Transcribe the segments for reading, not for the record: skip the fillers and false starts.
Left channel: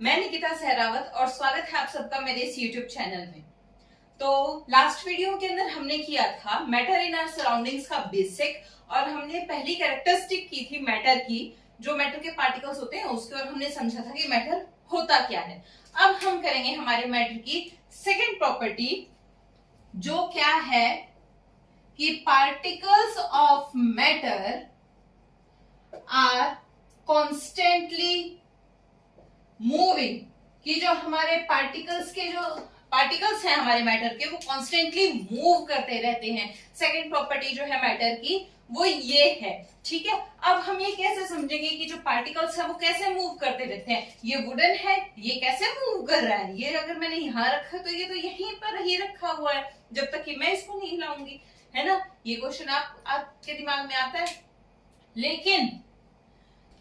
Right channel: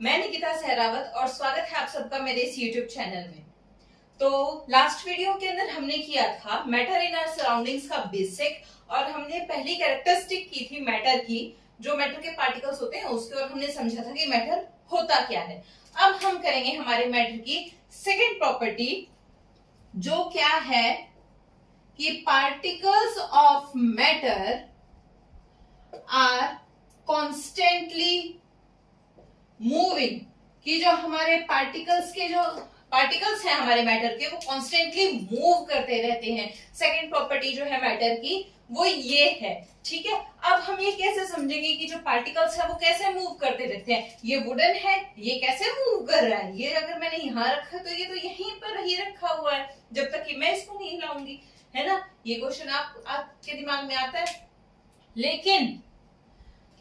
मैं निकिता सहरावत और स्वागत है आप सबका मेरे इस YouTube चैनल में। तो लास्ट वीडियो के अंदर हमने किया था मैटर इन आवर सराउंडिंग्स का बेसिक और हमने पहली कैरेक्टरिस्टिक की थी मैटर की, जो मैटर के पार्टिकल्स होते हैं उसके, और हमने समझा था कि मैटर होता क्या है। अब हम करेंगे हमारे मैटर की सेकेंड प्रॉपर्टी, जो क्या है कि particles of matter are constantly moving, कि जो हमारे पार्टिकल्स हैं हमारे मैटर के, वो कॉन्स्टेंटली मूव करते रहते हैं। सेकंड प्रॉपर्टी जो है मैटर की वो ये है, ठीक है। अब हम ये कैसे समझेंगे कि जो पार्टिकल्स है वो कैसे मूव करते रहते हैं। ये वुडन है, ये कैसे मूव कर रहा है, ये अगर मैंने यहाँ रखा तो ये तो यहीं पर ही रखा हुआ है जब तक कि मैं इसको नहीं हिलाऊंगी, है ना। ये क्वेश्चन आपके दिमाग में आता है। लेकिन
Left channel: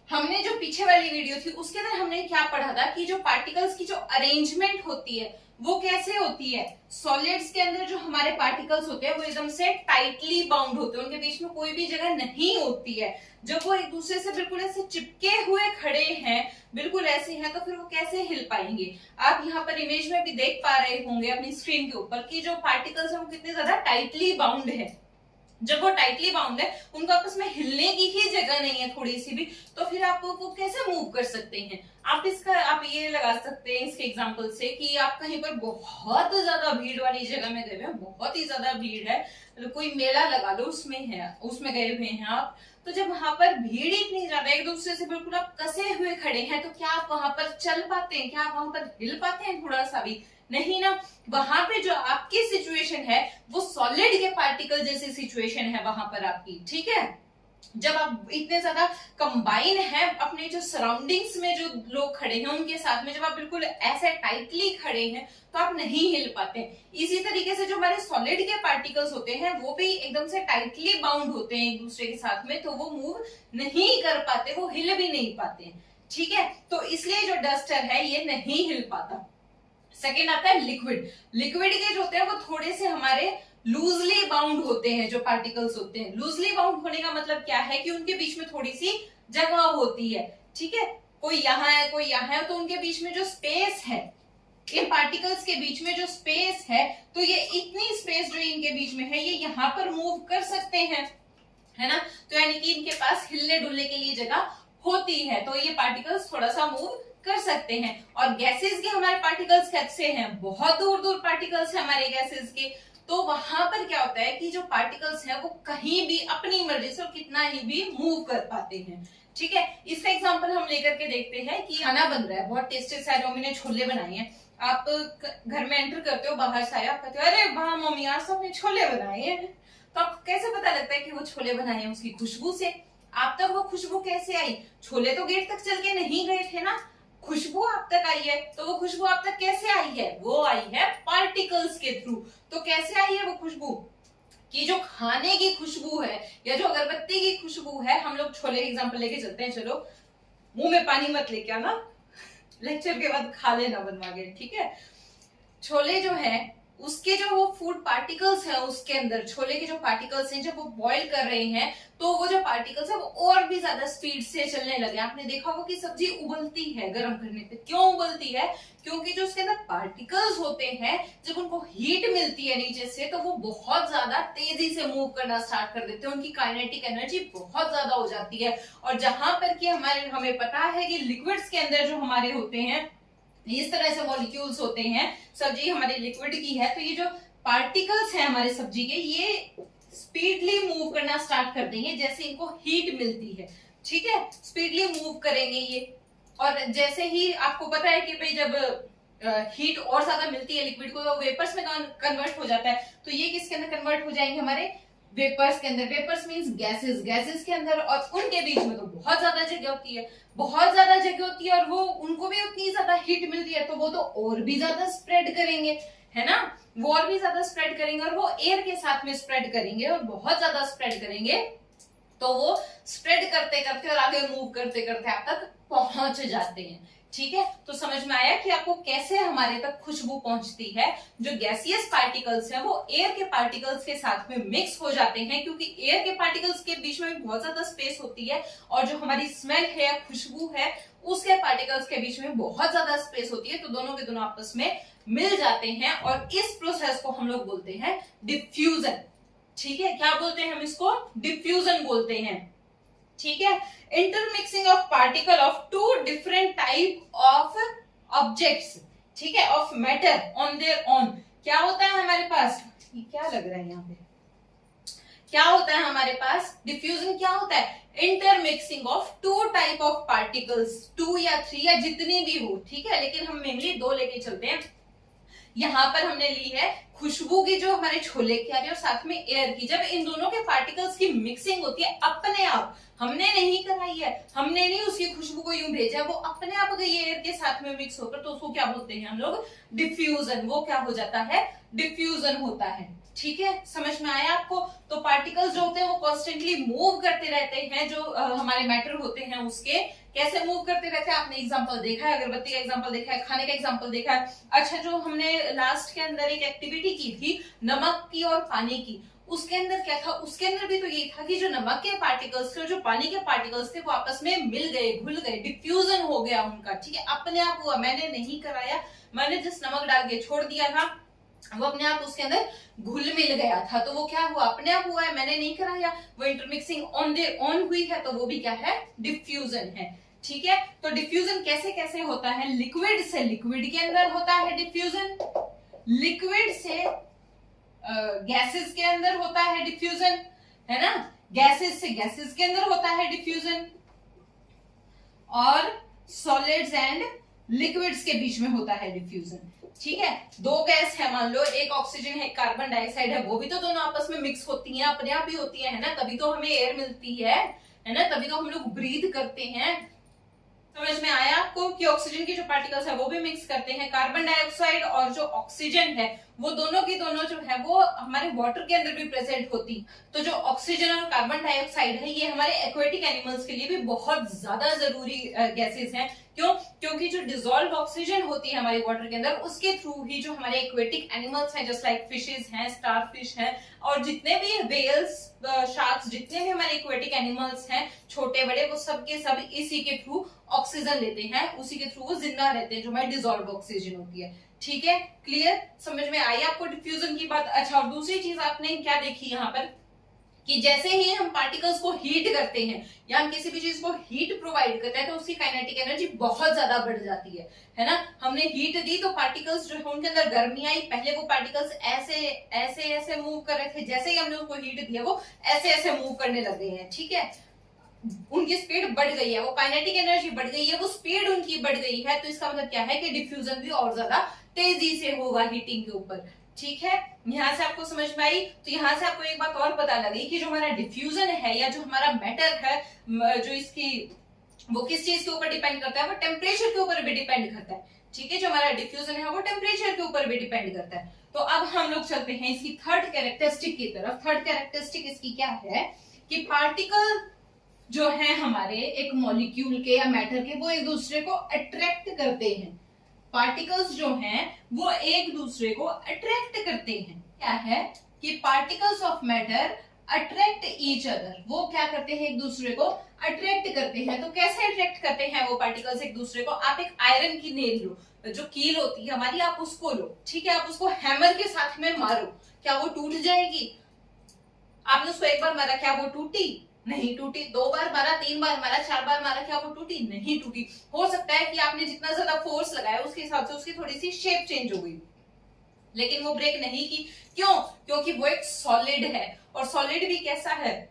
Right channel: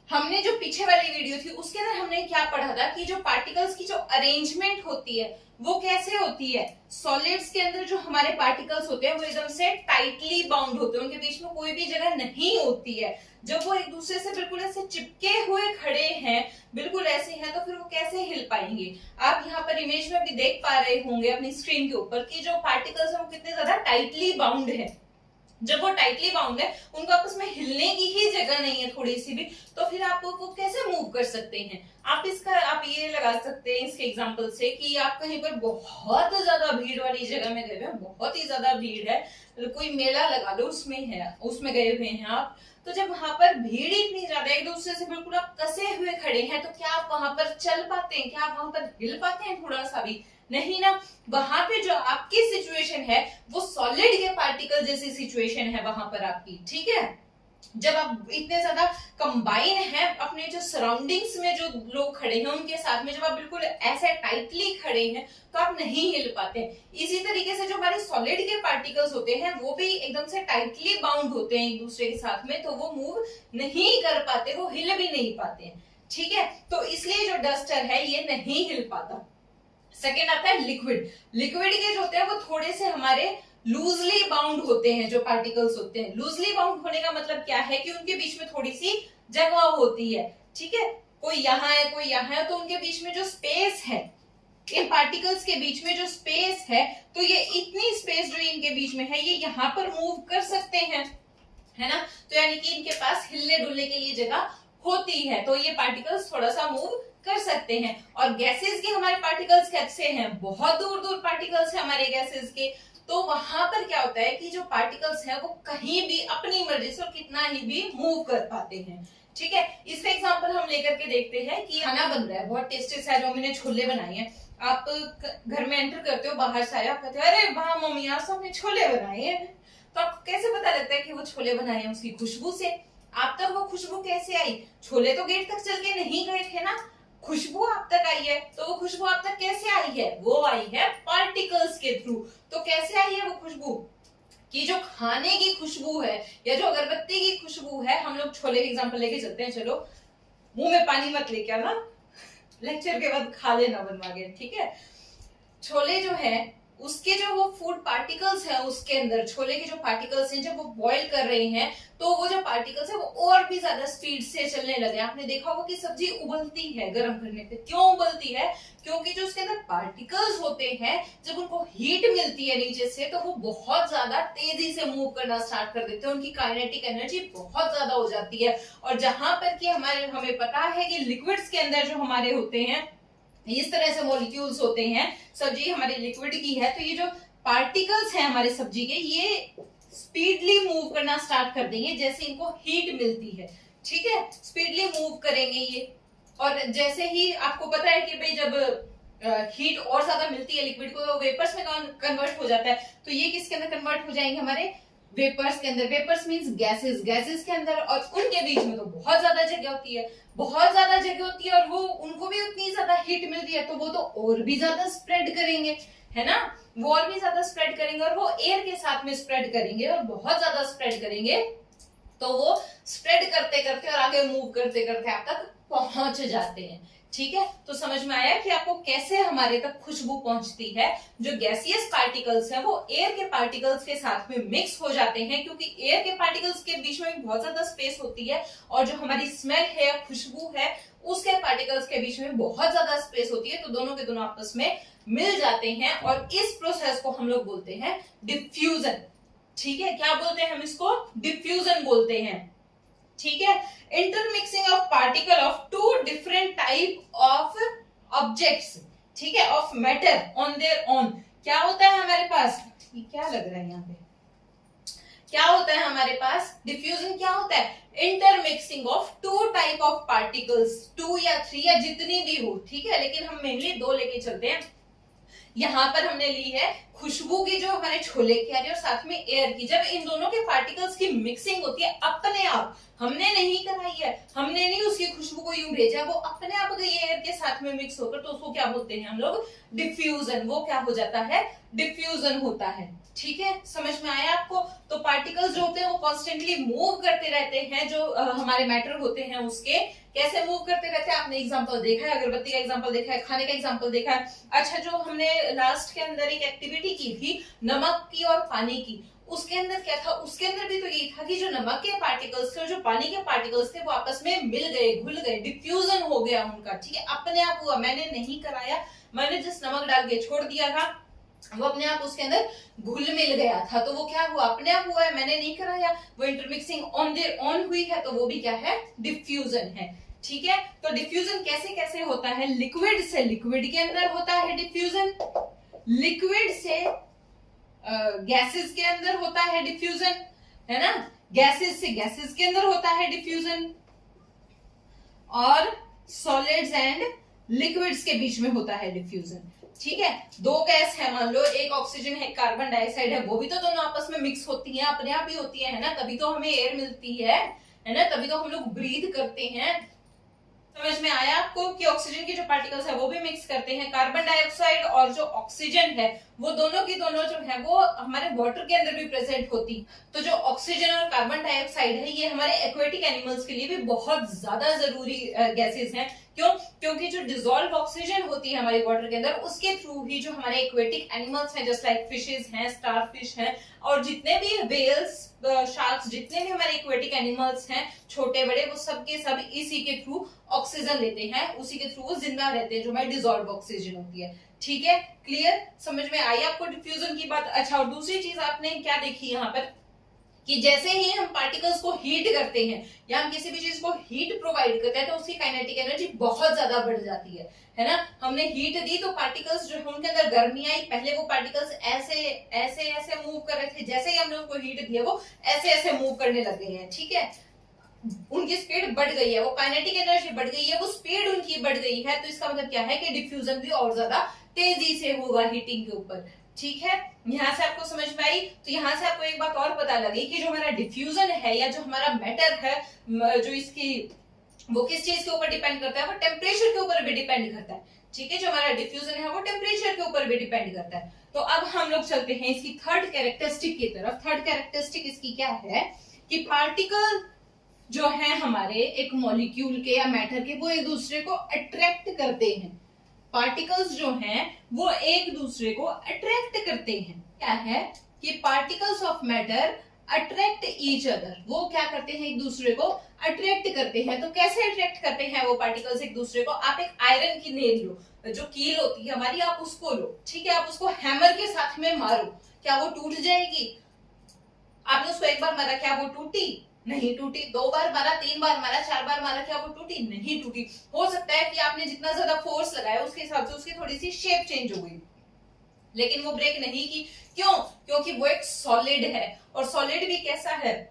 हमने जो पीछे वाली वीडियो थी उसके अंदर हमने क्या पढ़ा था कि जो पार्टिकल्स की जो अरेंजमेंट होती है वो कैसे होती है। सॉलिड्स के अंदर जो हमारे पार्टिकल्स होते हैं वो एकदम से टाइटली बाउंड होते हैं, उनके बीच में कोई भी जगह नहीं होती है। जब वो एक दूसरे से बिल्कुल ऐसे चिपके हुए खड़े हैं, बिल्कुल ऐसे हैं, तो फिर वो कैसे हिल पाएंगे। आप यहाँ पर इमेज में भी देख पा रहे होंगे अपनी स्क्रीन के ऊपर कि जो पार्टिकल्स है वो कितने ज्यादा टाइटली बाउंड है। जब वो टाइटली बाउंड है, उनको आपस में हिलने की ही जगह नहीं है थोड़ी सी भी, तो फिर आप वो कैसे मूव कर सकते हैं। आप ये लगा सकते हैं इसके एग्जांपल से कि आप कहीं पर बहुत ज्यादा भीड़ वाली जगह में गए हुए हैं, बहुत ही ज्यादा भीड़ है, कोई मेला लगा लो उसमें गए हुए हैं आप, तो जब वहां पर भीड़ इतनी ज्यादा एक दूसरे से बिल्कुल आप कसे हुए खड़े हैं, तो क्या आप वहां पर चल पाते हैं, क्या आप वहां पर हिल पाते हैं थोड़ा सा भी नहीं ना। वहां पे जो आपकी सिचुएशन है वो सॉलिड के पार्टिकल जैसी सिचुएशन है वहां पर आपकी, ठीक है। जब आप इतने ज्यादा कंबाइन है अपने जो सराउंडिंग्स में जो लोग खड़े हैं उनके साथ में, जब आप बिल्कुल ऐसे टाइटली खड़े हैं तो आप नहीं हिल पाते। इसी तरीके से जो हमारे सॉलिड के पार्टिकल्स होते हैं वो भी एकदम से टाइटली बाउंड होते हैं एक दूसरे के साथ में, तो वो मूव नहीं कर पाते, वो हिल भी नहीं पाते हैं, ठीक है। तो इसलिए जो डस्टर है ये नहीं हिल पाता। सेकेंड आता है लिक्विड। लिक्विड के जो होते हैं वो थोड़े से हमारे लूजली बाउंड होते हैं। जो पार्टिकल्स होते हैं लूजली बाउंड होने का मतलब क्या है कि उनके बीच में थोड़ी सी जगह होती है, ठीक है। कोई यहाँ है कोई यहाँ है, तो उनके बीच में जो स्पेस है, इन पार्टिकल्स के बीच में जो स्पेस है, तो ये इतनी स्पेस जो इनके बीच में है ये यहाँ पर मूव कर सकते हैं, है ना। तो यानी कि इनके पास हिलने डुलने के लिए जगह होती है, तो ये पार्टिकल्स थोड़ा सा मूव कर सकते हैं। और गैसेस के हमारे पार्टिकल्स कैसे हैं, बहुत दूर दूर पार्टिकल्स है हमारे गैसेस के, तो वहां पर क्या होता है कि जो पार्टिकल्स हैं वो कहीं भी अपनी मर्जी से और कितना ही भी मूव कर पाते हैं, ठीक है। इसका एग्जांपल हम लेकर के देखते हैं कि खाना बन रहा है, बहुत टेस्टी सा, जो मैंने छोले बनाए हैं। आप घर में एंटर करते हो, बाहर से आए, आप कहते हो अरे वाह मम्मी आज तो हमने छोले बनाए हैं, तो आपको कैसे पता लगता है कि वो छोले बनाए हैं, उसकी खुशबू से। आप तक वो खुशबू कैसे आई, छोले तो गेट तक चल के नहीं गए थे ना, खुशबू आप तक आई है, तो वो खुशबू आप तक कैसे आई है, वो आई है पार्टिकल्स के थ्रू। तो कैसे आई है वो खुशबू, कि जो खाने की खुशबू है या जो अगरबत्ती की खुशबू है, हम लोग छोले के एग्जांपल लेके चलते हैं, चलो मुंह में पानी मत लेके आना, लेक्चर के बाद खा लेना बनवा के, ठीक है। छोले जो है उसके जो वो फूड पार्टिकल्स हैं, उसके अंदर छोले के जो पार्टिकल्स हैं, जब वो बॉईल कर रहे हैं तो वो जो पार्टिकल्स है वो और भी ज्यादा स्पीड से चलने लगे। आपने देखा होगा कि सब्जी उबलती है गर्म करने पे, क्यों उबलती है, क्योंकि जो उसके अंदर पार्टिकल्स होते हैं जब उनको हीट मिलती है नीचे से तो वो बहुत ज्यादा तेजी से मूव करना स्टार्ट कर देते हैं, उनकी काइनेटिक एनर्जी बहुत ज्यादा हो जाती है। और जहां पर कि हमें पता है कि लिक्विड्स के अंदर जो हमारे होते हैं इस तरह से मॉलिक्यूल्स होते हैं, सब्जी हमारी लिक्विड की है, तो ये जो पार्टिकल्स हैं हमारे सब्जी के, ये स्पीडली मूव करना स्टार्ट कर देंगे जैसे इनको हीट मिलती है, ठीक है। स्पीडली मूव करेंगे ये, और जैसे ही आपको पता है कि भाई जब हीट और ज्यादा मिलती है लिक्विड को तो वेपर्स में कन्वर्ट हो जाता है, तो ये किसके अंदर कन्वर्ट हो जाएंगे, हमारे वेपर्स के अंदर। वेपर्स मींस गैसेस, गैसेस के अंदर, और उनके बीच में तो बहुत ज्यादा जगह होती है, बहुत ज्यादा जगह होती है, और वो उनको भी उतनी ज्यादा हीट मिलती है, तो वो तो और भी ज्यादा स्प्रेड करेंगे, है ना। वो और भी ज्यादा स्प्रेड करेंगे और वो एयर के साथ में स्प्रेड करेंगे और बहुत ज्यादा स्प्रेड करेंगे, तो वो स्प्रेड करते करते और आगे मूव करते करते आप तक पहुंच जाते हैं, ठीक है। तो समझ में आया कि आपको कैसे हमारे तक खुशबू पहुंचती है। जो गैसियस पार्टिकल्स हैं वो एयर के पार्टिकल्स के साथ में मिक्स हो जाते हैं, क्योंकि एयर के पार्टिकल्स के बीच में बहुत ज्यादा स्पेस होती है, और जो हमारी स्मेल है, खुशबू है, उसके पार्टिकल्स के बीच में बहुत ज्यादा स्पेस होती है, तो दोनों के दोनों आपस में मिल जाते हैं और इस प्रोसेस को हम लोग बोलते हैं डिफ्यूजन। ठीक है, क्या बोलते हैं हम इसको? डिफ्यूजन बोलते हैं। ठीक है, intermixing of particle of two different type of objects, ठीक है, of matter on their own. क्या होता है हमारे पास? ये क्या लग रहा है यहाँ पे? क्या होता है हमारे पास? डिफ्यूजन क्या होता है? Intermixing of two type of particles, 2 या 3 या जितनी भी हो, ठीक है, लेकिन हम मेनली 2 लेके चलते हैं। यहाँ पर हमने ली है खुशबू की जो हमारे छोले की आ रही है और साथ में एयर की। जब इन दोनों के पार्टिकल्स की मिक्सिंग होती है अपने आप, हमने नहीं कराई है, हमने नहीं उसकी खुशबू को यूं भेजा, वो अपने आप गई है एयर के साथ में मिक्स होकर, तो उसको क्या बोलते हैं हम लोग? डिफ्यूजन। वो क्या हो जाता है? डिफ्यूजन होता है। ठीक है, समझ में आया आपको? तो पार्टिकल्स जो होते हैं वो कॉन्स्टेंटली मूव करते रहते हैं, जो हमारे मैटर होते हैं उसके कैसे मूव करते रहते हैं। आपने एग्जांपल देखा है, अगरबत्ती का एग्जांपल देखा है, खाने का एग्जांपल देखा है। अच्छा, जो हमने लास्ट के अंदर एक एक्टिविटी की थी नमक की और पानी की, उसके अंदर क्या था? उसके अंदर भी तो यही था कि जो नमक के पार्टिकल्स थे और जो पानी के पार्टिकल्स थे वो आपस में मिल गए, घुल गए, डिफ्यूजन हो गया उनका। ठीक है, अपने आप हुआ, मैंने नहीं कराया, मैंने जिस नमक डाल के छोड़ दिया था वो अपने आप उसके अंदर घुल मिल गया था, तो वो क्या हुआ? अपने आप हुआ है, मैंने नहीं कराया। वो इंटरमिक्सिंग ऑन देयर ओन हुई है, तो वो भी क्या है? डिफ्यूजन है। ठीक है, तो डिफ्यूजन कैसे कैसे होता है? लिक्विड से लिक्विड के अंदर होता है डिफ्यूजन, लिक्विड से गैसेस के अंदर होता है डिफ्यूजन, है ना, गैसेस से गैसेस के अंदर होता है डिफ्यूजन, और सॉलिड्स एंड लिक्विड्स के बीच में होता है डिफ्यूजन। ठीक है, 2 गैस है, मान लो एक ऑक्सीजन है, कार्बन डाइऑक्साइड है, वो भी तो दोनों आपस में मिक्स होती हैं, अपने आप ही होती है ना, तभी तो हमें एयर मिलती है ना, तभी तो हम लोग ब्रीथ करते हैं। समझ में आया आपको कि ऑक्सीजन के जो पार्टिकल्स है वो भी मिक्स करते हैं, कार्बन डाइऑक्साइड और जो ऑक्सीजन है वो दोनों की दोनों जो है वो हमारे वाटर के अंदर भी प्रेजेंट होती। तो जो ऑक्सीजन और कार्बन डाइऑक्साइड है ये हमारे एक्वेटिक एनिमल्स के लिए भी बहुत ज्यादा जरूरी गैसेस हैं। क्यों? क्योंकि जो डिसॉल्व ऑक्सीजन होती है हमारे वाटर के अंदर उसके थ्रू ही जो हमारे एक्वेटिक एनिमल्स हैं, जस्ट लाइक फिशेस हैं, स्टारफिश हैं, और जितने भी वेल्स, शार्क्स, जितने भी हमारे एक्वेटिक एनिमल्स हैं छोटे बड़े, वो सब के सब इसी के थ्रू ऑक्सीजन लेते हैं, उसी के थ्रू वो जिंदा रहते हैं, जो हमारी डिसॉल्व ऑक्सीजन होती है। ठीक है, क्लियर? समझ में आई आपको डिफ्यूजन की बात? अच्छा, और दूसरी चीज आपने क्या देखी यहाँ पर कि जैसे ही हम पार्टिकल्स को हीट करते हैं या हम किसी भी चीज को हीट प्रोवाइड करते हैं तो उसकी काइनेटिक एनर्जी बहुत ज्यादा बढ़ जाती है ना। हमने हीट दी तो पार्टिकल्स जो है उनके अंदर गर्मी आई, पहले वो पार्टिकल्स ऐसे ऐसे ऐसे मूव कर रहे थे, जैसे ही हमने उनको हीट दिया वो ऐसे ऐसे मूव करने लग गए हैं। ठीक है, उनकी स्पीड बढ़ गई है, वो काइनेटिक एनर्जी बढ़ गई है, वो स्पीड उनकी बढ़ गई है, तो इसका मतलब क्या है कि डिफ्यूजन भी और ज्यादा तेजी से होगा हीटिंग के ऊपर। ठीक है, यहां से आपको समझ में आई? तो यहां से आपको एक बात और पता लगी कि जो हमारा डिफ्यूजन है या जो हमारा मैटर है, जो इसकी वो किस चीज के ऊपर डिपेंड करता है? वो टेम्परेचर के ऊपर भी डिपेंड करता है। ठीक है, जो हमारा डिफ्यूजन है वो टेम्परेचर के ऊपर भी डिपेंड करता है। तो अब हम लोग चलते हैं इसकी थर्ड कैरेक्टरिस्टिक की तरफ। थर्ड कैरेक्टरिस्टिक इसकी क्या है कि पार्टिकल जो है हमारे एक मॉलिक्यूल के या मैटर के, वो एक दूसरे को अट्रैक्ट करते हैं। पार्टिकल्स जो हैं वो एक दूसरे को अट्रैक्ट करते हैं। क्या है कि particles of matter attract each other, वो क्या करते हैं? एक दूसरे को अट्रैक्ट करते हैं। तो कैसे अट्रैक्ट करते हैं वो पार्टिकल्स एक दूसरे को? आप एक आयरन की नेल लो, जो कील होती है हमारी, आप उसको लो, ठीक है, आप उसको हैमर के साथ में मारो, क्या वो टूट जाएगी? आपने उसको एक बार मारा, क्या वो टूटी? नहीं टूटी। 2 बार मारा, 3 बार मारा, 4 बार मारा, क्या वो टूटी? नहीं टूटी। हो सकता है कि आपने जितना ज्यादा फोर्स लगाया उसके हिसाब से उसकी थोड़ी सी शेप चेंज हो गई, लेकिन वो ब्रेक नहीं की। क्यों? क्योंकि वो एक सॉलिड है, और सॉलिड भी कैसा है?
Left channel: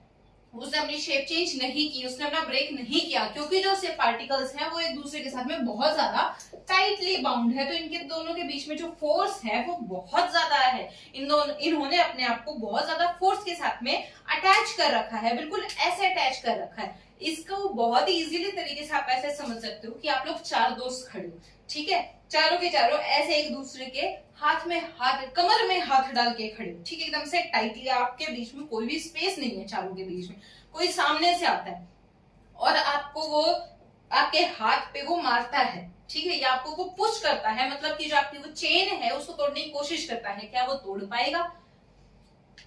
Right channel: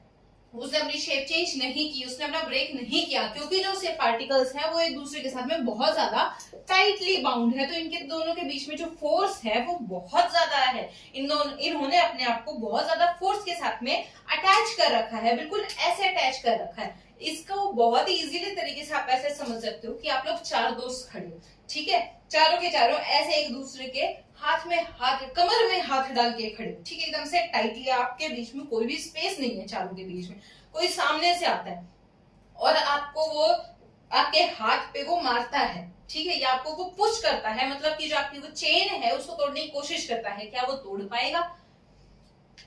उसने अपनी शेप चेंज नहीं की, उसने अपना ब्रेक नहीं किया, क्योंकि जो से पार्टिकल्स हैं वो एक दूसरे के साथ में बहुत ज्यादा टाइटली बाउंड है। तो इनके दोनों के बीच में जो फोर्स है वो बहुत ज्यादा है। इन्होंने अपने आप को बहुत ज्यादा फोर्स के साथ में अटैच कर रखा है, बिल्कुल ऐसे अटैच कर रखा है। इसको बहुत ही इजीली तरीके से आप ऐसे समझ सकते हो कि आप लोग 4 दोस्त खड़े हो, ठीक है, चारों के चारों ऐसे एक दूसरे के हाथ में हाथ, कमर में हाथ डाल के खड़े हो, ठीक है, एकदम से टाइटली, आपके बीच में कोई भी स्पेस नहीं है, चारों के बीच में। कोई सामने से आता है और आपको वो आपके हाथ पे वो मारता है, ठीक है, या आपको वो पुश करता है, मतलब कि जो आपकी वो चेन है उसको तोड़ने की कोशिश करता है, क्या वो तोड़ पाएगा?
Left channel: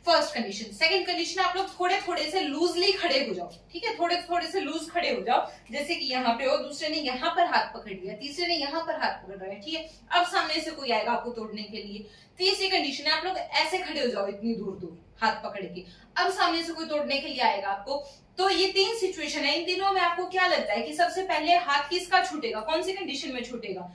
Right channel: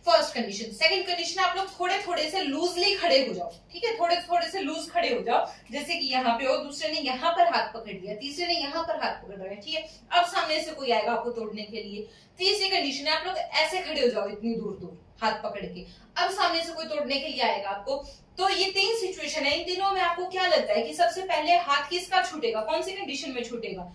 First condition. सेकंड कंडीशन, आप लोग थोड़े थोड़े से लूजली खड़े हो जाओ, ठीक है, थोड़े थोड़े से लूज खड़े हो जाओ, जैसे कि यहाँ पे हो, दूसरे ने यहाँ पर हाथ पकड़ लिया, तीसरे ने यहाँ पर हाथ पकड़ लिया, ठीक है। अब सामने से कोई आएगा आपको तोड़ने के लिए। तीसरी कंडीशन है, आप लोग ऐसे खड़े हो जाओ इतनी दूर दूर हाथ पकड़ के, अब सामने से कोई तोड़ने के लिए आएगा आपको। तो ये तीन सिचुएशन है, इन तीनों में आपको क्या लगता है कि सबसे पहले हाथ किसका छूटेगा, कौन सी कंडीशन में छूटेगा?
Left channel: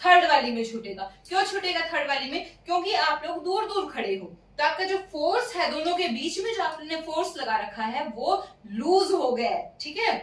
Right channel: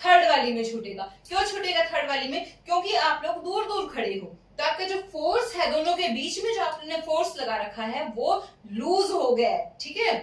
थर्ड वाली में छूटेगा। क्यों छूटेगा थर्ड वाली में? क्योंकि आप लोग दूर दूर खड़े हो, तो आपका जो फोर्स है दोनों के बीच में, जो आपने फोर्स लगा रखा है वो लूज हो गया है, ठीक है,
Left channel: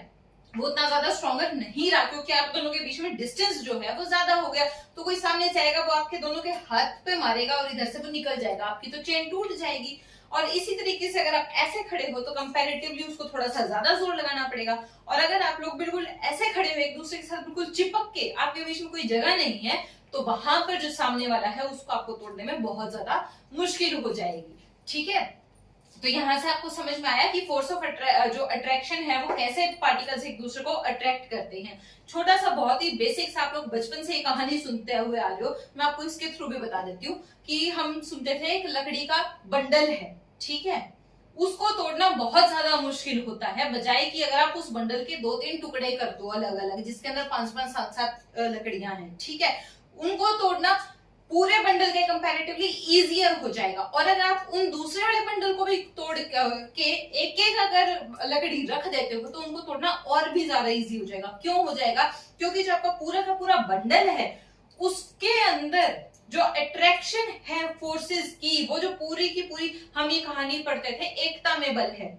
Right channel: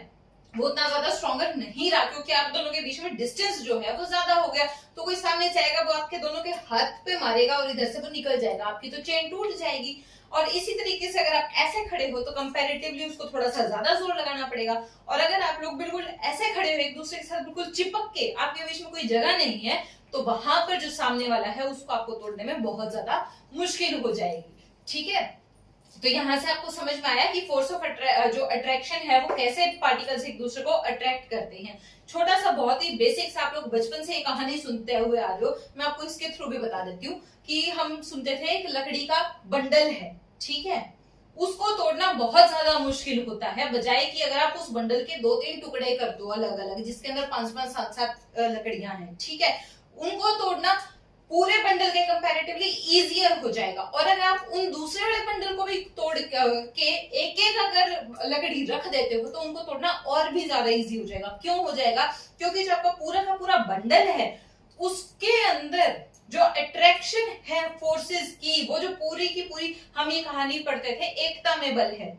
वो उतना ज्यादा स्ट्रॉन्गर नहीं रहा, क्योंकि आप दोनों के बीच में डिस्टेंस जो है वो ज्यादा हो गया। तो कोई सामने से आएगा, वो आपके दोनों के हाथ पे मारेगा और इधर से वो निकल जाएगा, आपकी तो चेन टूट जाएगी। और इसी तरीके से अगर आप ऐसे खड़े हो तो कंपैरेटिवली उसको थोड़ा सा ज्यादा जोर लगाना पड़ेगा। और अगर आप लोग बिल्कुल ऐसे खड़े हो एक दूसरे के साथ बिल्कुल चिपक के, आपके बीच में कोई जगह नहीं है, तो वहां पर जो सामने वाला है उसको आपको तोड़ने में बहुत ज्यादा मुश्किल हो जाएगी, ठीक है। तो यहां से आपको समझ में आया कि फोर्स ऑफ जो अट्रैक्शन है वो कैसे पार्टिकल्स एक दूसरे को अट्रैक्ट करते हैं। छोटा सा बहुत ही बेसिक सा, आप लोग बचपन से ये कहानी सुनते हुए आ रहे हो, मैं आपको इसके थ्रू भी बता देती हूँ कि हम सुनते थे एक लकड़ी का बंडल है, ठीक है, उसको तोड़ना बहुत ज्यादा मुश्किल होता है, बजाय कि अगर आप उस बंडल के 2-3 टुकड़े कर दो अलग अलग, जिसके अंदर 5-5, 7-7 लकड़ियां हैं, ठीक है, उनको तोड़ना पूरे बंडल के कंपैरेटिवली इजियर हो जाएगा। और अगर आप उन दूसरे वाले बंडल को भी तोड़ के एक एक अगर लकड़ी रख देते हो तो उनको तोड़ना और भी ज्यादा इजी हो जाएगा। क्यों हो जाएगा? क्योंकि जो आपका पूरा का पूरा बंडल है उसके अंदर जो अट्रैक्शन है फोर्सेस की, वो जो पूरी की पूरी, हम ये कहानी पढ़ते थे, एकता में बल है,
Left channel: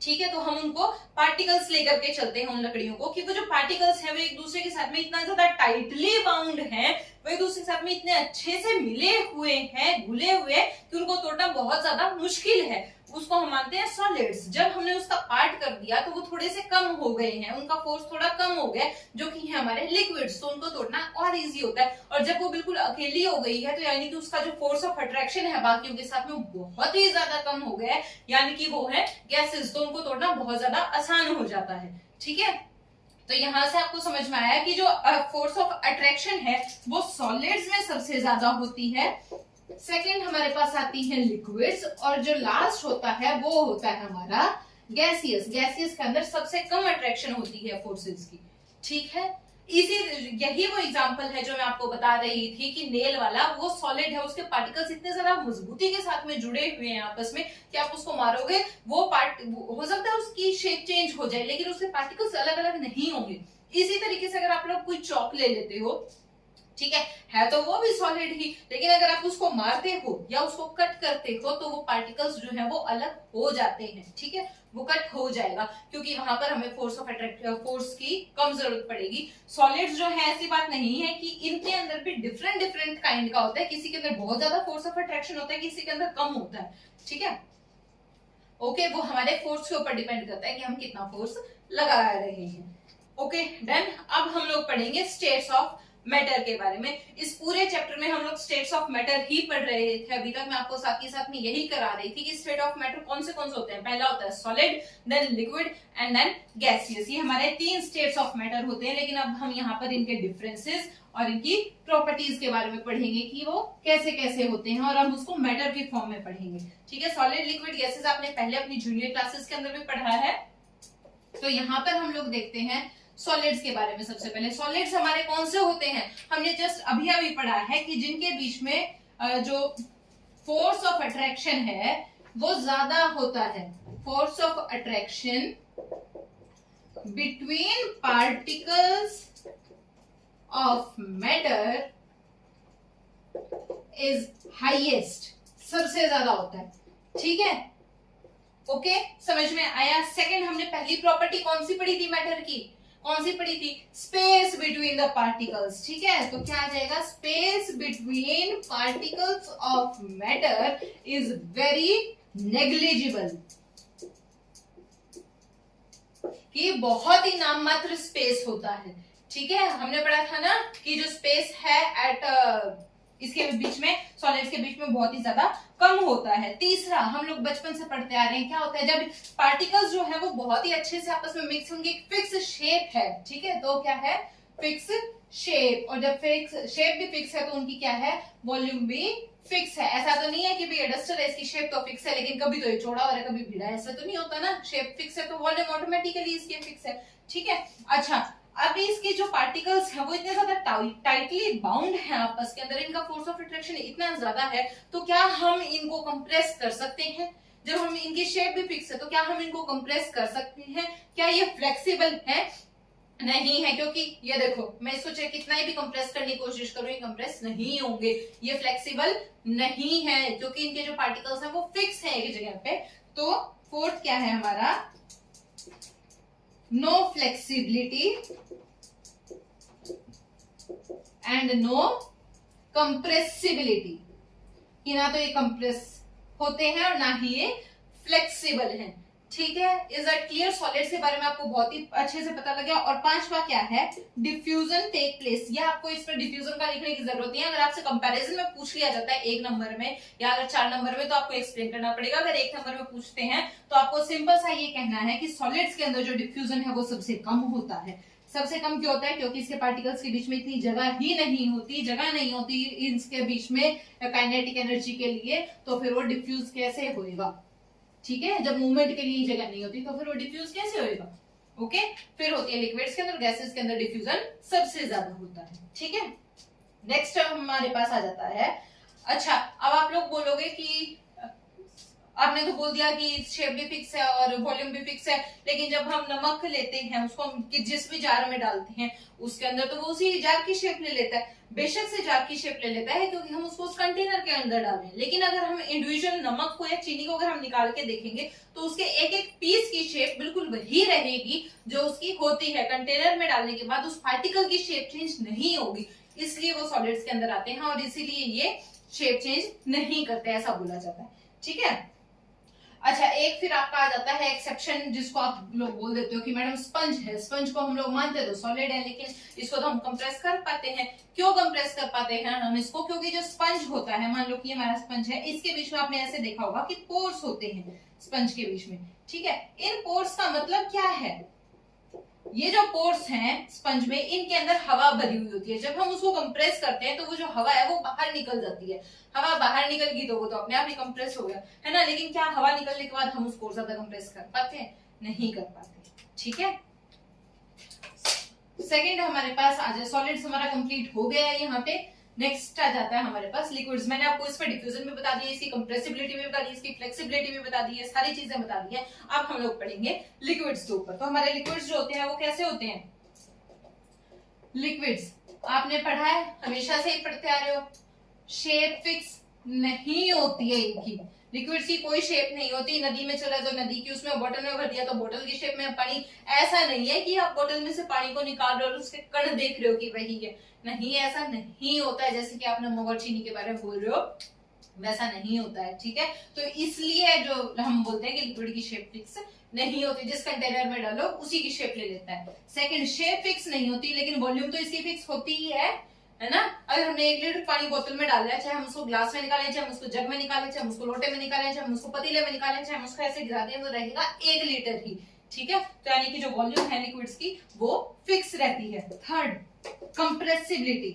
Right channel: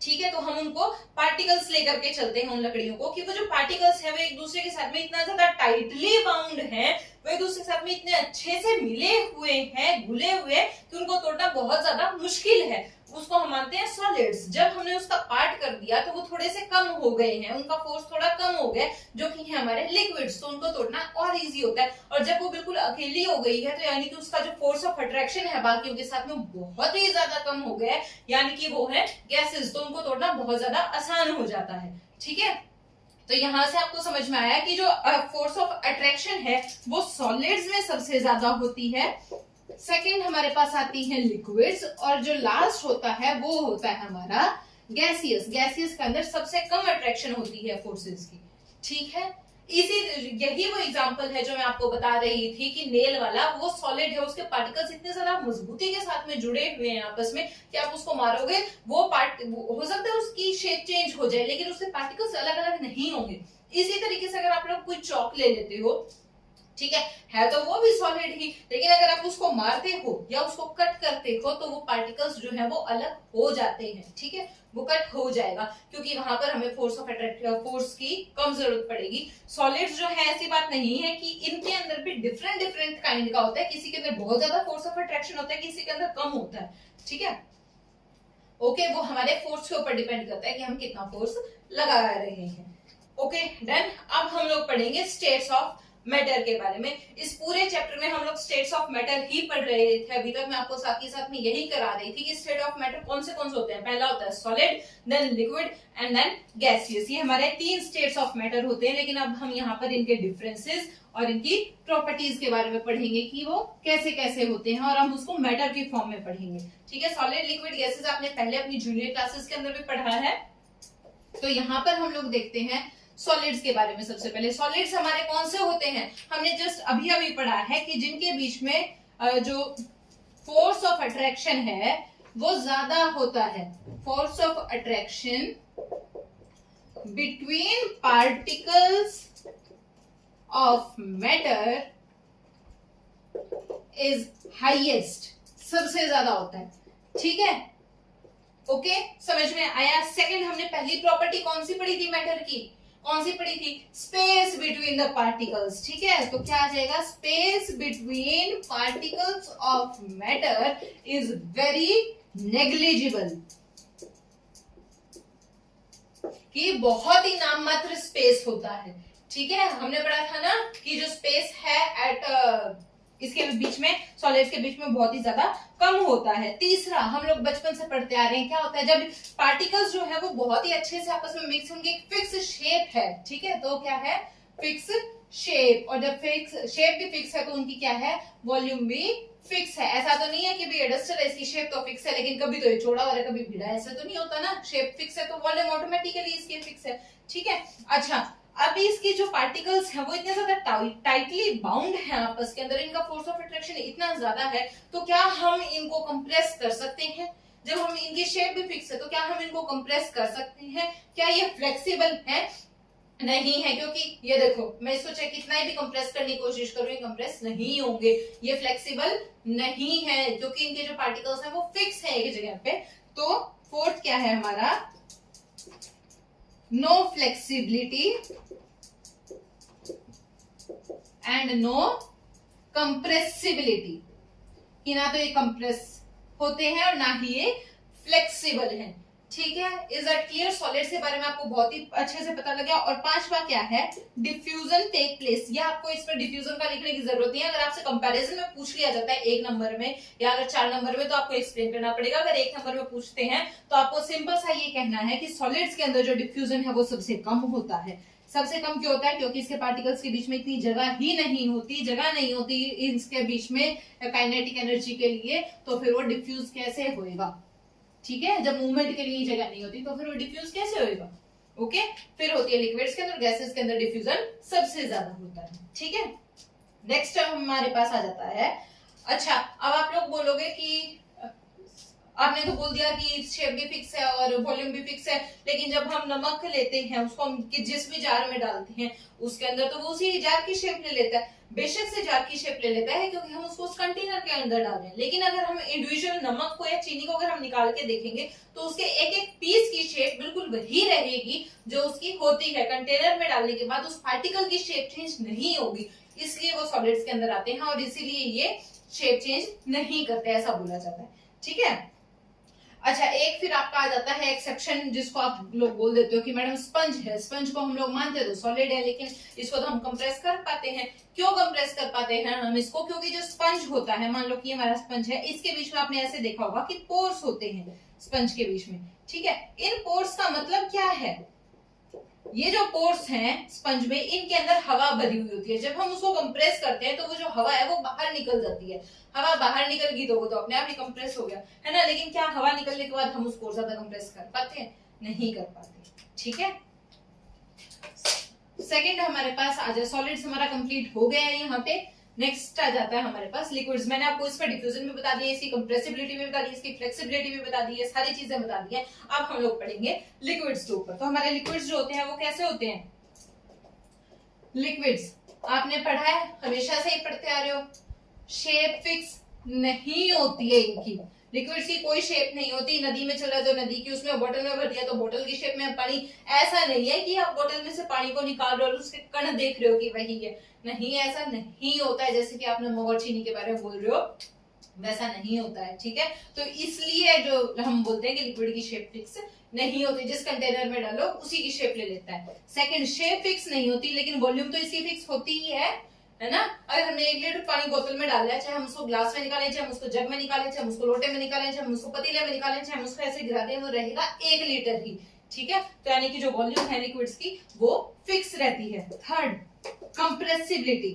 ठीक है। तो हम उनको पार्टिकल्स लेकर के चलते हैं उन लकड़ियों को, कि वो जो पार्टिकल्स है वो एक दूसरे के साथ में इतना ज्यादा टाइटली बाउंड है, वो एक दूसरे के साथ में इतने अच्छे से मिले हुए हैं, घुले हुए हैं, कि उनको तोड़ना बहुत ज्यादा मुश्किल है। उसको हम मानते हैं सॉलिड्स। जब हमने उसका पार्ट कर दिया तो वो थोड़े से कम हो गए हैं, उनका फोर्स थोड़ा कम हो गया, जो कि है हमारे लिक्विड्स, तो उनको तोड़ना और इजी होता है। और जब वो बिल्कुल अकेली हो गई है तो यानी कि उसका जो फोर्स ऑफ अट्रैक्शन है बाकियों के साथ में बहुत ही ज्यादा कम हो गया है, यानी कि वो है गैसेस, तो उनको तोड़ना बहुत ज्यादा आसान हो जाता है, ठीक है। तो यहां से आपको समझ में आया कि जो फोर्स ऑफ अट्रैक्शन है वो सॉलिड्स में सबसे ज्यादा होती है, सेकंड हमारे पास आती है लिक्विड्स, और जो लास्ट होता है वो होता है हमारा गैसियस। गैसियस के अंदर सबसे कम अट्रैक्शन होती है फोर्सेस की, ठीक है। यही वो एग्जांपल है जो मैं आपको बता रही थी कि नेल वाला, वो सॉलिड है, उसके पार्टिकल्स इतने ज्यादा मजबूती के साथ में जुड़े हुए हैं आपस में कि आप उसको मारोगे, वो पार्ट हो सकता है उसकी शेप चेंज हो जाए, लेकिन उसके पार्टिकल्स अलग अलग नहीं होंगे। इसी तरीके से अगर आप लोग कोई चौक ले लेते हो, ठीक है तो वो भी सॉलिड ही, लेकिन अगर आप उसको मारते हो या उसको कट करते हो तो वो पार्टिकल्स जो है वो अलग हो जाते हैं, ठीक है, वो कट हो जाएगा, क्योंकि वहां पर हमें फोर्स ऑफ फोर्स की कम जरूरत पड़ेगी। सॉलिड्स जो है ऐसी बात नहीं है कि इनके अंदर भी डिफरेंट डिफरेंट काइंड का होता है, किसी के अंदर बहुत ज्यादा फोर्स ऑफ अट्रैक्शन होता है, किसी के अंदर कम होता है, ठीक है। ओके, वो हमारे फोर्स के ऊपर डिपेंड करता है कि हम कितना फोर्स लगा रहे हैं। Okay done. अब हम लोग पढ़ेंगे स्टेट्स ऑफ मैटर के बारे में। इस पूरे चैप्टर में हम लोग स्टेट्स ऑफ मैटर ही पढ़ रहे थे अभी तक। मैं आपको साथ ही साथ में यही करा रही थी कि स्टेट ऑफ मैटर कौन से होते हैं। पहला होता है solid, then liquid and then gaseous. ये हमारे 3 स्टेट्स ऑफ मैटर होते हैं, लेकिन अब हम यहाँ पर इनके डिफरेंसेस और इनकी प्रॉपर्टीज के बारे में पढ़ेंगे कि वो कैसे कैसे होते हैं, और हम उसको मैटर के फॉर्म में पढ़ेंगे, ठीक है। सॉलिड, लिक्विड, गैसेस आपने पहले अपनी जूनियर क्लासेस के अंदर भी पढ़ा है। तो यहाँ पर हम लोग देखते हैं सॉलिड्स के बारे में। सबसे पहले सॉलिड्स हमारे कौन से होते हैं, हमने जस्ट अभी अभी पढ़ा है कि जिनके बीच में जो फोर्स ऑफ अट्रैक्शन है वो ज्यादा होता है। Force of attraction between particles of matter is highest, सबसे ज्यादा होता है, ठीक है। ओके, समझ में आया। सेकंड, हमने पहली प्रॉपर्टी कौन सी पढ़ी थी मैटर की, कौन सी पढ़ी थी, स्पेस बिटवीन द पार्टिकल्स, ठीक है। तो क्या आ जाएगा, space between particles of matter is very negligible, कि बहुत ही नाम मात्र स्पेस होता है, ठीक है। हमने पढ़ा था ना कि जो स्पेस है एट इसके बीच में, सॉलिड्स के बीच में बहुत ही ज्यादा कम होता है। तीसरा, हम लोग बचपन से पढ़ते आ रहे हैं, क्या होता है जब पार्टिकल्स जो है वो बहुत ही अच्छे से आपस में मिक्स, उनकी एक फिक्स शेप है, ठीक है। तो क्या है, फिक्स शेप, और जब फिक्स शेप भी फिक्स है तो उनकी क्या है, वॉल्यूम भी फिक्स है। ऐसा तो नहीं है कि भैया डस्टर है इसकी शेप तो फिक्स है लेकिन कभी तो ये चौड़ा हो रहा है कभी भिड़ा है, ऐसा तो नहीं होता ना। शेप फिक्स है तो वॉल्यूम ऑटोमेटिकली इसकी फिक्स है, ठीक है। अच्छा, अभी इसके जो पार्टिकल्स हैं वो इतने ज्यादा टाइटली बाउंड हैं आपस के अंदर, इनका फोर्स ऑफ अट्रैक्शन इतना ज्यादा है, तो क्या हम इनको कंप्रेस कर सकते हैं? जब हम इनकी शेप भी फिक्स है तो क्या हम इनको कंप्रेस कर सकते हैं? क्या ये फ्लेक्सिबल है? नहीं है, क्योंकि ये देखो मैं इसको चाहे कितना ही भी कंप्रेस करने की कोशिश करूं, ये कंप्रेस नहीं होंगे, ये फ्लेक्सिबल नहीं है क्योंकि इनके जो पार्टिकल्स हैं वो फिक्स है एक जगह पे। तो फोर्थ क्या है हमारा? No flexibility and no compressibility, कि ना तो ये कंप्रेस होते हैं और ना ही ये फ्लेक्सिबल है, ठीक है। Is that clear? सॉलिड्स के बारे में आपको बहुत ही अच्छे से पता लग गया। और पांचवा क्या है? Diffusion take place. या आपको इस पर डिफ्यूजन का लिखने की जरूरत नहीं है, अगर आपसे कंपैरिजन में पूछ लिया जाता है 1 नंबर में या अगर 4 नंबर में तो आपको एक्सप्लेन करना पड़ेगा। अगर 1 नंबर में पूछते हैं तो आपको सिंपल सा ये कहना है कि सॉलिड्स के अंदर जो डिफ्यूजन है वो सबसे कम होता है। सबसे कम क्यों होता है? क्योंकि इसके पार्टिकल्स के बीच में इतनी जगह नहीं होती इसके बीच में काइनेटिक एनर्जी के लिए, तो फिर वो डिफ्यूज कैसे होएगा, ठीक है। जब मूवमेंट के लिए जगह नहीं होती तो फिर वो डिफ्यूज कैसे होएगा? ओके। फिर होती है लिक्विड्स के अंदर, गैसेस के अंदर डिफ्यूजन सबसे ज्यादा होता है, ठीक है। नेक्स्ट हमारे पास आ जाता है, अच्छा अब आप लोग बोलोगे कि आपने तो बोल दिया कि शेप भी फिक्स है और वॉल्यूम भी फिक्स है, लेकिन जब हम नमक लेते हैं उसको हम जिस भी जार में डालते हैं उसके अंदर तो वो उसी जार की शेप ले लेता है। बेशक से जार की शेप ले लेता है क्योंकि हम उसको उस कंटेनर के अंदर डाल रहे हैं, लेकिन अगर हम इंडिविजुअल नमक को या चीनी को अगर हम निकाल के देखेंगे तो उसके एक एक पीस की शेप बिल्कुल वही रहेगी जो उसकी होती है। कंटेनर में डालने के बाद उस पार्टिकल की शेप चेंज नहीं होगी, इसलिए वो सॉलिड्स के अंदर आते हैं और इसीलिए ये शेप चेंज नहीं करते, ऐसा बोला जाता है, ठीक है। अच्छा, एक फिर आपका आ जाता है एक्सेप्शन, जिसको आप लोग बोल देते हो कि मैडम स्पंज है, स्पंज को हम लोग मानते हैं तो सॉलिड है, लेकिन इसको तो हम कंप्रेस कर पाते हैं। क्यों कंप्रेस कर पाते हैं हम इसको? क्योंकि जो स्पंज होता है, मान लो कि हमारा स्पंज है, इसके बीच में आपने ऐसे देखा होगा कि पोर्स होते हैं स्पंज के बीच में, ठीक है। इन पोर्स का मतलब क्या है? ये जो पोर्स हैं स्पंज में, इनके अंदर हवा भरी हुई होती है। जब हम उसको कंप्रेस करते हैं तो वो जो हवा है वो बाहर निकल जाती है। हवा बाहर निकल गई तो वो तो अपने आप ही कंप्रेस हो गया, है ना। लेकिन क्या हवा निकलने के बाद हम उसको ज्यादा कंप्रेस कर पाते हैं? नहीं कर पाते, ठीक है। सेकंड हमारे पास आ जाए, सॉलिड्स हमारा कंप्लीट हो गया है यहाँ पे। नेक्स्ट आ जाता है हमारे पास लिक्विड्स। मैंने आपको इस पर डिफ्यूजन भी बता दी है, इसकी कंप्रेसिबिलिटी भी बता दी है, इसकी फ्लेक्सिबिलिटी भी बता दी है, सारी चीजें बता दी है। अब हम लोग पढ़ेंगे लिक्विड्स के ऊपर। तो हमारे लिक्विड्स जो होते हैं वो कैसे होते हैं? लिक्विड्स आपने पढ़ा है, हमेशा से ही पढ़ते आ रहे हो, शेप फिक्स नहीं होती है इनकी। लिक्विड्स की कोई शेप नहीं होती। नदी में चला तो नदी की, उसमें बोतल में भर दिया तो बोतल की शेप में पानी। ऐसा नहीं है कि आप बोतल में से पानी को निकाल रहे हो और उसके कण देख रहे हो कि वही है, नहीं, ऐसा नहीं होता है। जैसे कि आप नमक और चीनी के बारे में बोल रहे हो, वैसा नहीं होता है, ठीक है। तो इसलिए जो हम बोलते हैं कि लिक्विड की शेप फिक्स नहीं होती, जिस कंटेनर में डालो उसी की शेप ले लेता है। सेकंड, शेप फिक्स नहीं होती, लेकिन वॉल्यूम तो इसकी फिक्स होती ही है ना। अगर हमने 1 लीटर पानी बोतल में डाला है, चाहे हम उसको ग्लास में निकालें, चाहे हम उसको जग में निकालें, चाहे हम उसको लोटे में निकालें, चाहे हम उसको पतीले में निकालें, चाहे हम उसको ऐसे गिरा दें, वो रहेगा 1 लीटर ही, ठीक है। तो यानी कि जो वॉल्यूम है लिक्विड्स की वो फिक्स रहती है। Third, compressibility.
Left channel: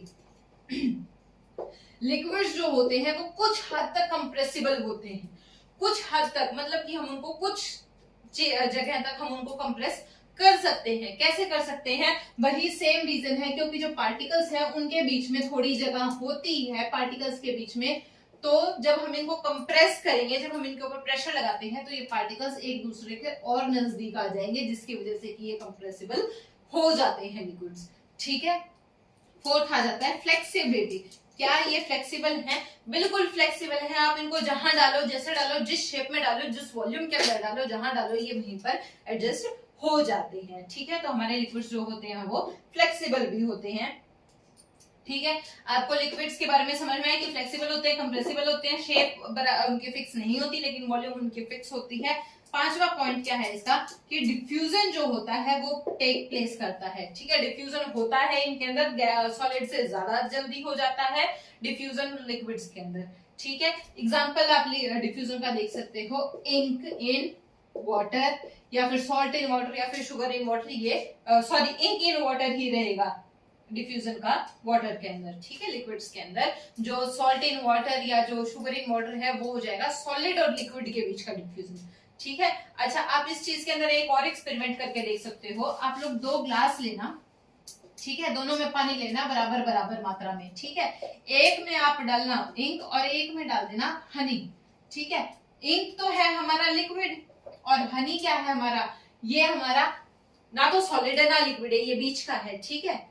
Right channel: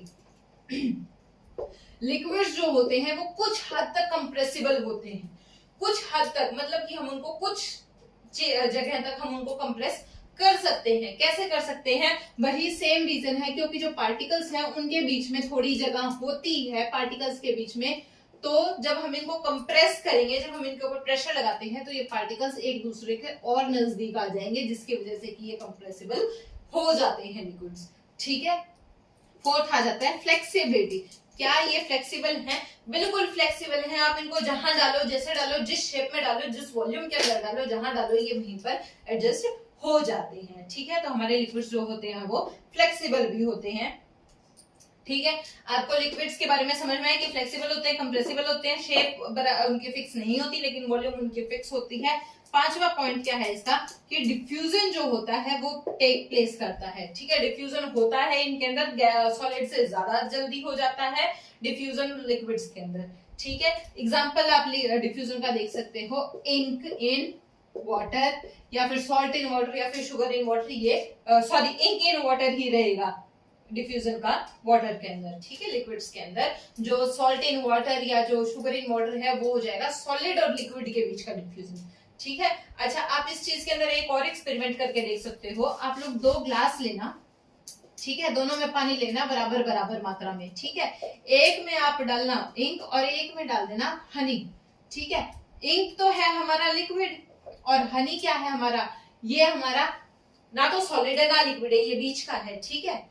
लिक्विड्स जो होते हैं वो कुछ हद तक कंप्रेसिबल होते हैं, कुछ हद तक, मतलब कि हम उनको कुछ जगह तक हम उनको कंप्रेस कर सकते हैं। कैसे कर सकते हैं? वही सेम रीजन है, क्योंकि जो पार्टिकल्स हैं उनके बीच में थोड़ी जगह होती है पार्टिकल्स के बीच में। तो जब हम इनको कंप्रेस करेंगे, जब हम इनके ऊपर प्रेशर लगाते हैं तो ये पार्टिकल्स एक दूसरे के और नजदीक आ जाएंगे, जिसकी वजह से कि ये कंप्रेसिबल हो जाते हैं लिक्विड्स, ठीक है। फोर्थ आ जाता है फ्लेक्सिबिलिटी। क्या ये फ्लेक्सिबल है? बिल्कुल फ्लेक्सिबल है। आप इनको जहां डालो, जैसे डालो, जिस शेप में डालो, जिस वॉल्यूम के अंदर डालो, जहां डालो, ये वहीं पर एडजस्ट हो जाते हैं, ठीक है। तो हमारे लिक्विड्स जो होते हैं वो फ्लेक्सिबल भी होते हैं, ठीक है। आपको लिक्विड्स के बारे में समझ में आया कि फ्लेक्सिबल होते हैं, कंप्रेसिबल होते हैं, शेप उनकी फिक्स नहीं होती लेकिन वॉल्यूम उनकी फिक्स होती है। पांचवा पॉइंट क्या है इसका? कि डिफ्यूजन जो होता है वो टेक प्लेस करता है, ठीक है। डिफ्यूजन होता है इनके अंदर, सॉलिड से ज्यादा जल्दी हो जाता है डिफ्यूजन लिक्विड्स के अंदर, ठीक है। एग्जांपल आप डिफ्यूजन का देख सकते हो, इंक इन वाटर, या फिर सॉल्ट इन वाटर, या फिर शुगर इन वाटर। ये सॉरी, इंक इन वाटर ही रहेगा, डिफ्यूजन का वाटर के अंदर, ठीक है, लिक्विड्स के अंदर। जो सॉल्ट इन वाटर या जो शुगर इन वाटर है वो हो जाएगा सॉलिड और लिक्विड के बीच का डिफ्यूजन, ठीक है। अच्छा, आप इस चीज के अंदर एक और एक्सपेरिमेंट करके देख सकते हो। आप लोग 2 ग्लास लेना, ठीक है, दोनों में पानी लेना बराबर बराबर मात्रा में, ठीक है। एक में आप डालना इंक और एक में डाल देना हनी, ठीक है। इंक तो है हमारा लिक्विड और हनी क्या है हमारा, ये हमारा ना तो सॉलिड है ना लिक्विड है, ये बीच का है, ठीक है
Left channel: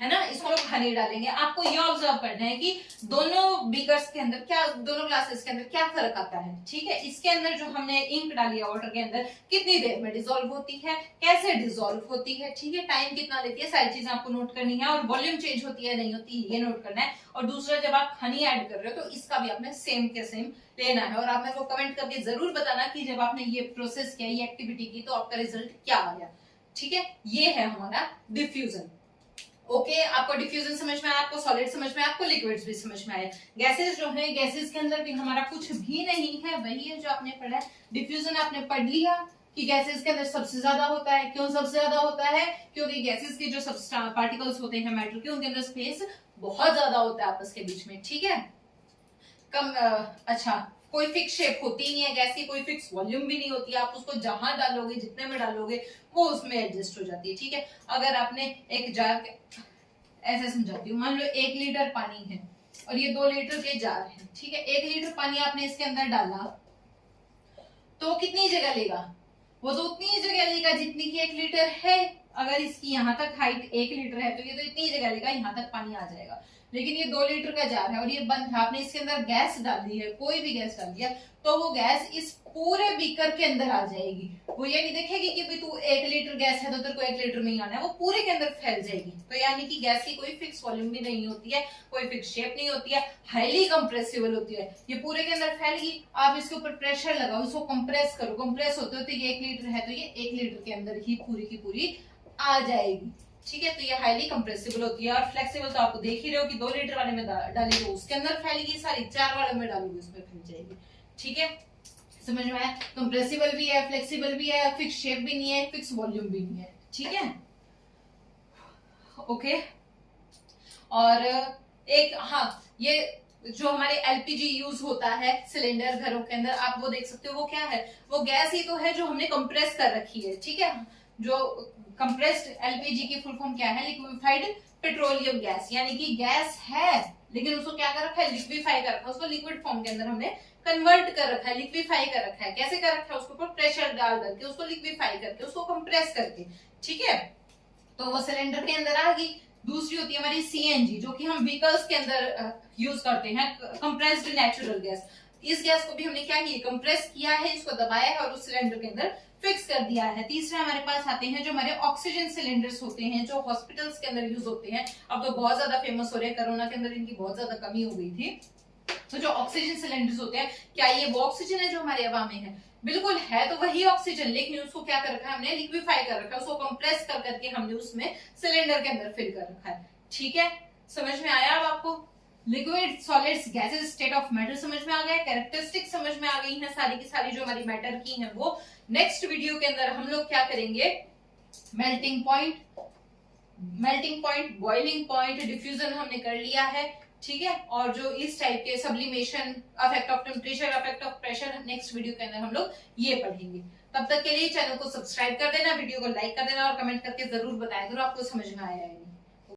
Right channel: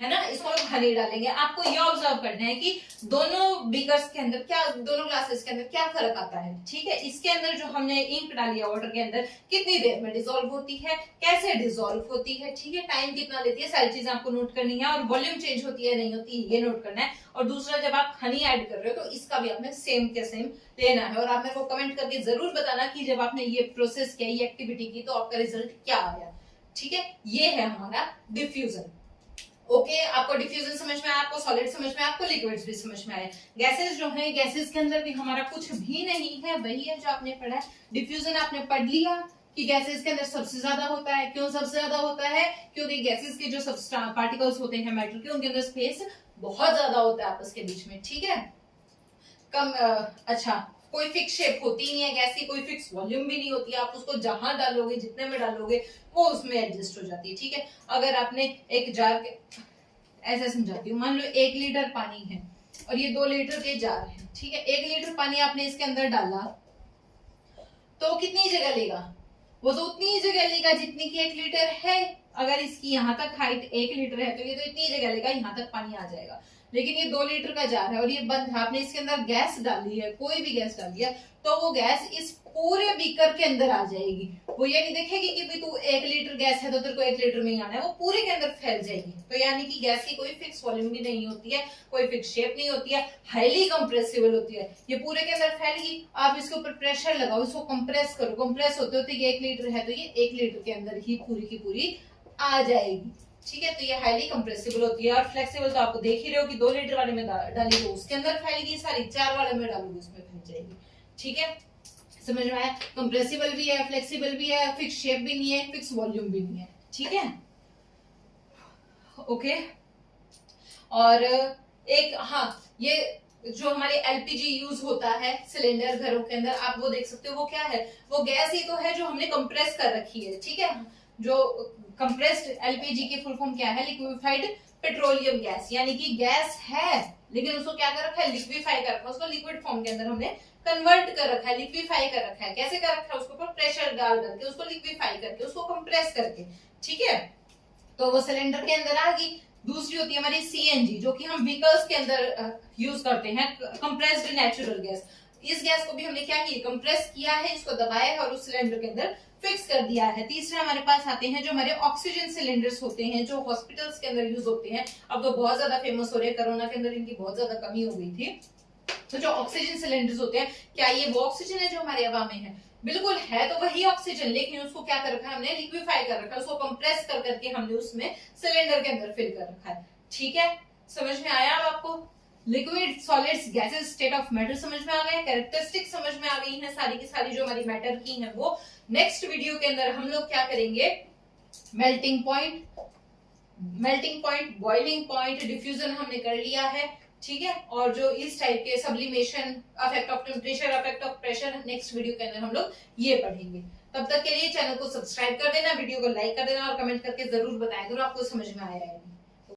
ना। इसको हम हनी डालेंगे। आपको ये ऑब्जर्व करना है कि दोनों बीकर्स के अंदर क्या, दोनों ग्लासेस के अंदर क्या फर्क आता है, ठीक है। इसके अंदर जो हमने इंक डाली है वाटर के अंदर, कितनी देर में डिसॉल्व होती है, कैसे डिसॉल्व होती है, ठीक है, टाइम कितना लेती है, सारी चीजें आपको नोट करनी है। और वॉल्यूम चेंज होती है नहीं होती ये नोट करना है। और दूसरा, जब आप हनी ऐड कर रहे हो तो इसका भी आपने सेम के सेम लेना है। और आप मेरे को कमेंट करके जरूर बताना कि जब आपने ये प्रोसेस किया, ये एक्टिविटी की, तो आपका रिजल्ट क्या आया, ठीक है। ये है हमारा डिफ्यूजन। ओके, आपको डिफ्यूजन समझ में आया, आपको सॉलिड समझ में आया, आपको लिक्विड्स भी समझ में आए। गैसेस जो है, गैसेस के अंदर भी हमारा कुछ भी नहीं है, वही है जो आपने पढ़ा है। डिफ्यूजन आपने पढ़ लिया कि गैसेस के अंदर सबसे ज्यादा होता है। क्यों सबसे ज्यादा होता है, क्योंकि गैसेस के जो पार्टिकल्स होते हैं मैटर के, उनके अंदर स्पेस बहुत ज्यादा होता है आपस के बीच में, ठीक है। अच्छा, कोई फिक्स शेप होती नहीं है गैस की, कोई फिक्स वॉल्यूम भी नहीं होती है। आप उसको जहां डालोगे, जितने में डालोगे, वो उसमें एडजस्ट हो जाती है, ठीक है। अगर आपने एक जार, ऐसे समझाती हूँ, मान लो 1 लीटर पानी है और ये 2 लीटर के जार है, ठीक है। 1 लीटर पानी आपने इसके अंदर डाला तो कितनी जगह लेगा, वो तो उतनी ही जगह लेगा जितनी की 1 लीटर है। अगर इसकी यहाँ तक हाइट 1 लीटर है तो ये तो इतनी जगह लेगा, यहाँ तक पानी आ जाएगा। लेकिन ये 2 लीटर का जार है और ये बंद है, आपने इसके अंदर गैस डाली है, कोई भी गैस डाल दिया, तो वो गैस इस पूरे बीकर के अंदर आ जाएगी। वो ये नहीं देखेगी कि भी तू 1 लीटर गैस है तो तेरे को 1 लीटर में ही आना है, वो पूरे के अंदर फैल जाएगी। तो यानी कि गैस की कोई फिक्स वॉल्यूम भी नहीं होती है, कोई फिक्स शेप नहीं होती है, हाईली कंप्रेसिबल होती है। ये पूरे के अंदर फैलेगी, आप इसके ऊपर प्रेशर लगाओ, इसको कंप्रेस करो, कंप्रेस होते होते ये 1 लीटर है तो ये 1 लीटर के अंदर ही पूरी की पूरी आ जाएगी, ठीक है। तो ये हाईली कंप्रेसिबल होती है। और फ्लेक्सिबल तो आपको देख ही रहे हो कि 2 लीटर वाले में डाली तो उसके अंदर फैलेगी सारी, 4 वाले में डालोगे उसमें फैल जाएगी, ठीक है। समझ में आया, कंप्रेसिबल भी है, फ्लेक्सिबल भी है, फिक्स शेप भी नहीं है, फिक्स वॉल्यूम भी नहीं है, ठीक है। ओके, और एक, हाँ, ये जो हमारे एलपीजी यूज होता है सिलेंडर घरों के अंदर, आप वो देख सकते हो, वो क्या है, वो गैस ही तो है जो हमने कंप्रेस कर रखी है, ठीक है। जो कंप्रेस्ड एलपीजी की फुल फॉर्म क्या है, लिक्विफाइड पेट्रोलियम गैस, यानी कि गैस है लेकिन उसको क्या कर रखा है, लिक्विफाई कर रखा है, उसको लिक्विड फॉर्म के अंदर हमने कन्वर्ट कर रखा है, लिक्विफाई कर रखा है। कैसे कर रखा है, उसके ऊपर प्रेशर डाल करके, उसको लिक्विफाई करके, उसको कंप्रेस करके, ठीक है। तो वो सिलेंडर के अंदर आ गई। दूसरी होती है हमारी सीएनजी, जो कि हम व्हीकल्स के अंदर यूज करते हैं, कंप्रेस्ड नेचुरल गैस। इस गैस को भी हमने क्या किया, कंप्रेस किया है, इसको दबाया है और उस सिलेंडर के अंदर फिक्स कर दिया है। तीसरा हमारे पास आते हैं जो हमारे ऑक्सीजन सिलेंडर्स होते हैं, जो हॉस्पिटल्स के अंदर यूज होते हैं। अब तो बहुत ज्यादा फेमस हो रहे हैं, कोरोना के अंदर इनकी बहुत ज्यादा कमी हो गई थी। तो जो ऑक्सीजन सिलेंडर्स होते हैं, क्या ये वो ऑक्सीजन है जो हमारे हवा में है, बिल्कुल है तो वही ऑक्सीजन, लेकिन उसको क्या कर रखा है हमने, लिक्विफाई कर रखा है, उसको कंप्रेस कर करके हमने उसमें सिलेंडर के अंदर फिल कर रखा है, ठीक है। समझ में आया अब आपको, liquid solids gases state of matter समझ में आ गया, कैरेक्टरिस्टिक समझ में आ गई हैं सारी की सारी जो हमारी मैटर की हैं वो। नेक्स्ट वीडियो के अंदर हम लोग क्या करेंगे, melting point, boiling point, diffusion हमने कर लिया है, ठीक है। और जो इस टाइप के sublimation, affect of temperature, affect of pressure, next video के अंदर हम लोग ये पढ़ेंगे। तब तक के लिए चैनल को सब्सक्राइब कर देना, वीडियो को लाइक कर देना और कमेंट करके जरूर बताया करो आपको समझ में आया है।